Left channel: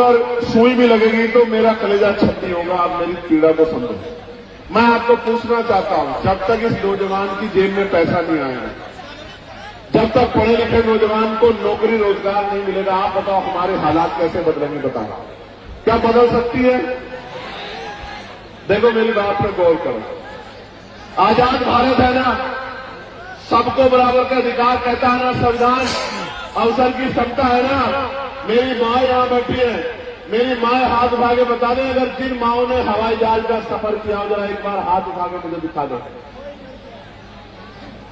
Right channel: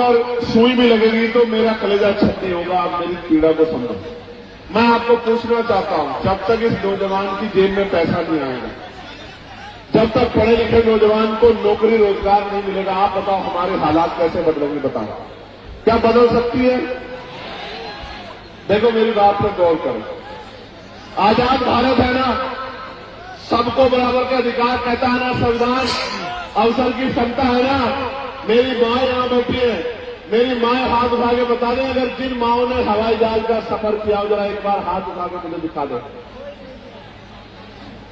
अगर सुई भी लगेगी तो मेरा कलेजा छत्ती होगा। आप मेरी पीड़ा को समझो। मैं आपको पूछना चाहता हूं, जब तक इस नौजवान की जेब में पैसा नहीं आएगा, जब तक पढ़े लिखे नौजवान को नौकरी रोजगार नहीं मिलेगा, आप बताओ हमारे हालात कैसे बदलेंगे? बताओ क्या बदल सकती है? देखो मेरी बात पर गौर करो। आजाद भारत है ना, सबको बराबर का अधिकार कहता है ना संविधान, अवसर की समता है ना। मेरी माँ यहां बैठी है, मेरी माँ हाथ उठा के बता दें अगर जिन माओं ने हवाई जहाज का सफर किया, जरा एक बार हाथ उठा के मुझे दिखा दो।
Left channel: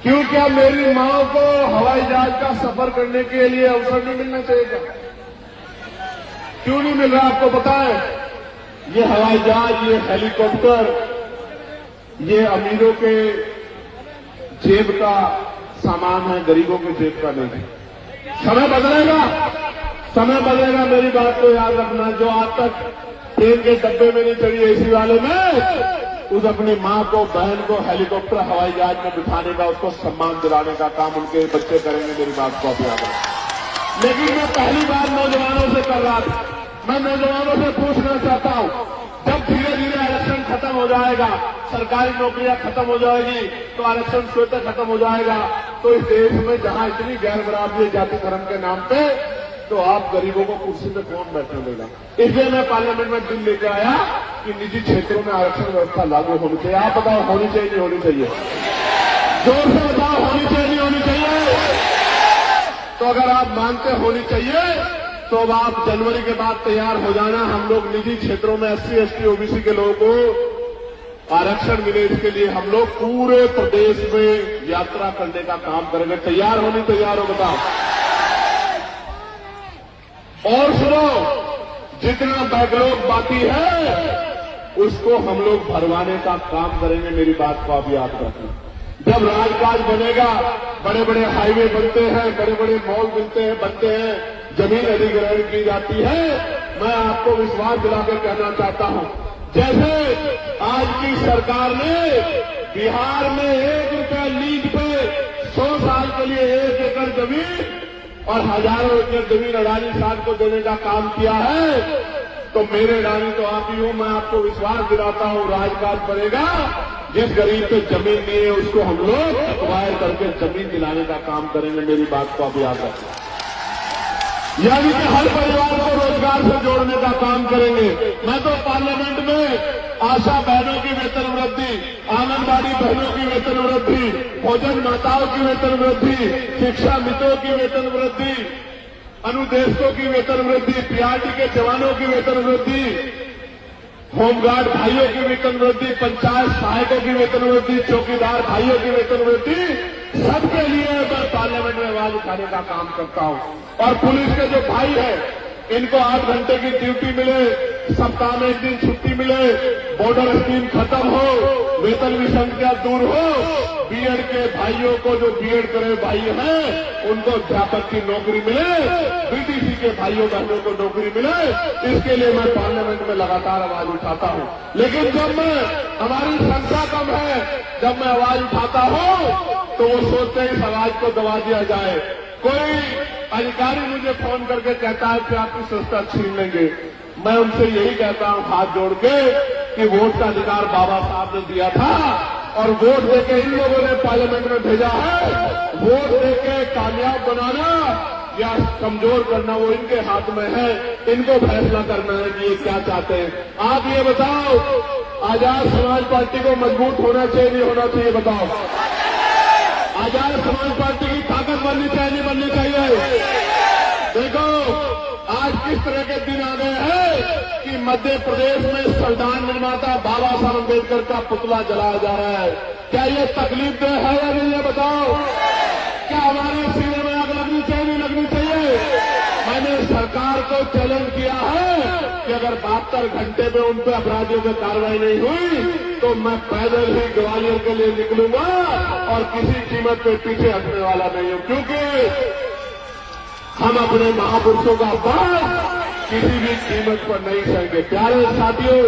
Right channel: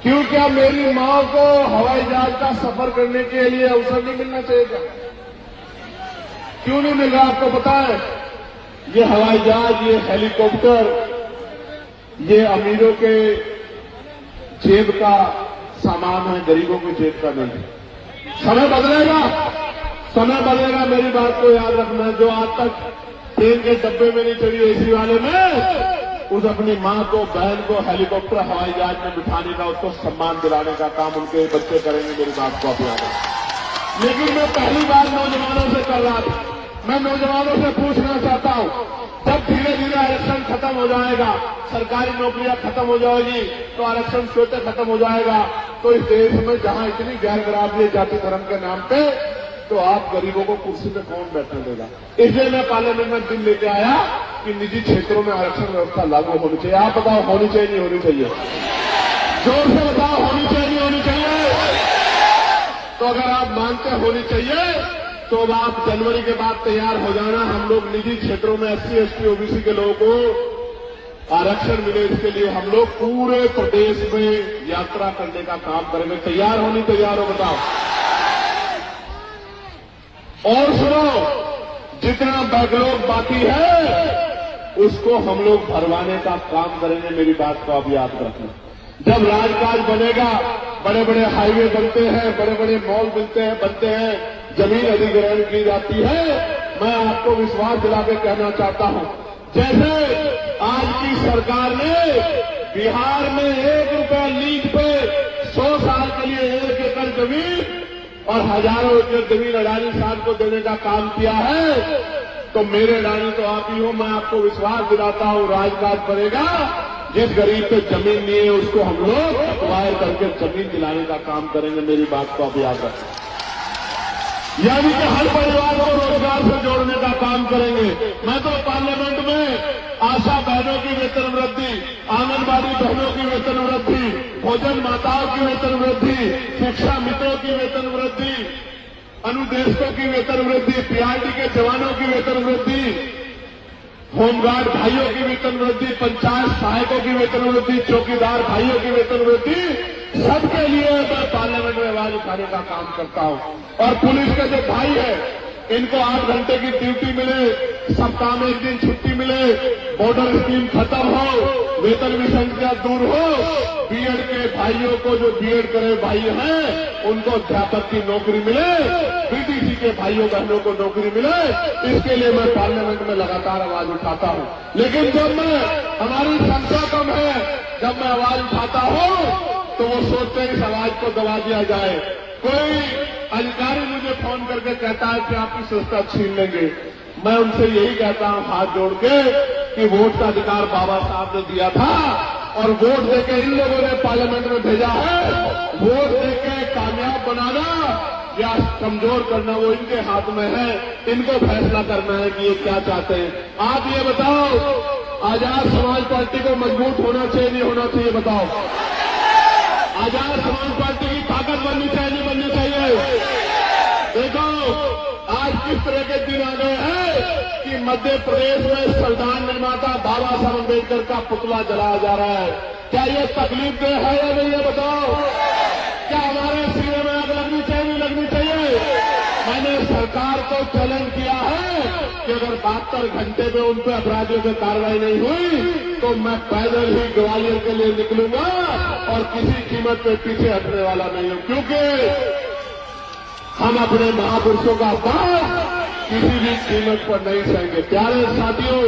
क्यों क्या मेरी माँ को हवाई जहाज का सफर करने के लिए अवसर नहीं मिलना चाहिए? क्यों नहीं मिल रहा? आपको पता है ये हवाई जहाज, ये हेलीकॉप्टर, ये अमीरों के जेब का सामान है, गरीबों के जेब का नहीं। समय बदलेगा, समय बदलेगा। मेरी बात को याद रखना। जो आज तक ट्रेन के डब्बे में नहीं चढ़ी एसी वाले में, उस अपनी माँ को, बहन को हेलीकॉप्टर हवाई जहाज में बिठाने का, उसको सम्मान दिलाने का काम उनके बच्चे करेंगे। मेरी बात को आप याद रखें। लेकिन ये पहली बार नौजवानों से कर रहा था। मैं नौजवानों से पूछना चाहता हूं, जब धीरे धीरे आरक्षण खत्म हो जाएगा, सरकारी नौकरियां खत्म हो जाएगी, तो आरक्षण स्वतः खत्म हो जाएगा, तो इस देश में जहां इतनी गैर बराबरी जाति धर्म के नाम पे, तो आप गरीबों को कुर्सी पे कौन बैठने देगा? इसलिए मैं पार्लियामेंट में बिल लेके आया कि निजी क्षेत्रों में आरक्षण व्यवस्था लागू होनी चाहिए। आप बताओ होनी चाहिए नहीं होनी चाहिए? जोर से बताओ होनी चाहिए नहीं होनी चाहिए? तो अगर आप मानते होनी चाहिए तो अब आप जनवरी के बाद तैयार हो जाना। हम लोग निजी क्षेत्रों में SC, ST, OBC के लोगों को आरक्षण मिले, इसके लिए हम लोग पूरे प्रदेश में यात्रा करने का काम करेंगे। तैयार होनी, तैयार हो बताओ। और सुनो, जितना बैकलॉग बाकी है उसको हम लोग भरवाने का काम करेंगे। मेरी बात को आप याद रखें। जब राजकाज बनेगा, बड़े बड़े हाईवे बनते हैं, बड़े बड़े मॉल बनते हैं, जमीन अधिग्रहण की जाती है, मैं आपको विश्वास दिला के कहना चाहता हूं, जैसे आज की सरकार ने बिहार में 1 रुपया लीज पे 100 साल के लिए 1 एकड़ जमीन और हजारों एकड़ जमीन अडानी साहब को देने का काम किया है, तो मेरे अडानी तो आप ही हो। मैं आपको विश्वास दिलाता हूं, राजकाज बनेगा, जिस गरीब पे जमीन नहीं है उसको हम लोग अप्लाई करके जमीन दिलाने का काम करेंगे। मेरी बात को आप याद रखें। यानी कि हर परिवार को रोजगार से जोड़ने का काम करेंगे। मैं तो पार्लियामेंट में आशा बहनों की वेतन वृद्धि, आंगनबाड़ी बहनों की वेतन वृद्धि, भोजन माताओं की वेतन वृद्धि, शिक्षा मित्रों की वेतन वृद्धि, अनुदेशकों की वेतन वृद्धि, PRT के जवानों की वेतन वृद्धि, होमगार्ड भाइयों की वेतन वृद्धि, पंचायत सहायकों की वेतन वृद्धि, चौकीदार भाइयों की वेतन वृद्धि, सबके लिए मैं पार्लियामेंट में आवाज उठाने का काम करता हूं। और पुलिस के जो भाई है, इनको 8 घंटे की ड्यूटी मिले, सप्ताह में 1 दिन छुट्टी मिले, बॉर्डर स्कीम खत्म हो, वेतन विसंख्या दूर हो, बीएड के भाइयों को जो बीएड करे भाई हैं उनको अध्यापक की नौकरी मिले, BTC के भाइयों बहनों को नौकरी मिले, इसके लिए मैं पार्लियामेंट में लगातार आवाज उठाता हूं। लेकिन जब हमारी संख्या कम है, जब मैं आवाज उठाता हूं तो वो सोचते हैं इस आवाज को दबा दिया जाए। कोई अधिकारी मुझे फोन करके कहता है कि आपकी संस्था छीन लेंगे। मैं उनसे यही कहता हूं हाथ जोड़ के कि वोट का अधिकार बाबा साहब ने दिया था और वोट देके इन लोगों ने पार्लियामेंट में भेजा है। वोट देके कामयाब बनाना या कमजोर करना वो इनके हाथ में है। इनको फैसला करना है कि ये क्या चाहते हैं। आप ये बताओ, आजाद समाज पार्टी को मजबूत होना चाहिए नहीं होना चाहिए? बताओ। आजाद समाज पार्टी की ताकत बननी चाहिए नहीं बननी चाहिए? देखो आज किस तरह के दिन आ गए हैं कि मध्य प्रदेश में संविधान निर्माता बाबा साहब अम्बेडकर का पुतला जलाया जा रहा है। क्या ये तकलीफ दे है या नहीं? ये बताओ। क्या हमारे सीने में आग लगनी चाहिए नहीं लगनी चाहिए? मैंने सरकार को चैलेंज किया है कि अगर 72 घंटे में उन पर अपराधियों पर कार्रवाई नहीं हुई तो मैं पैदल ही ग्वालियर के लिए निकलूंगा और किसी कीमत पे पीछे हटने वाला नहीं हूं, क्योंकि हम अपने महापुरुषों का अपमान किसी भी कीमत पर नहीं सहेंगे। प्यारे साथियों,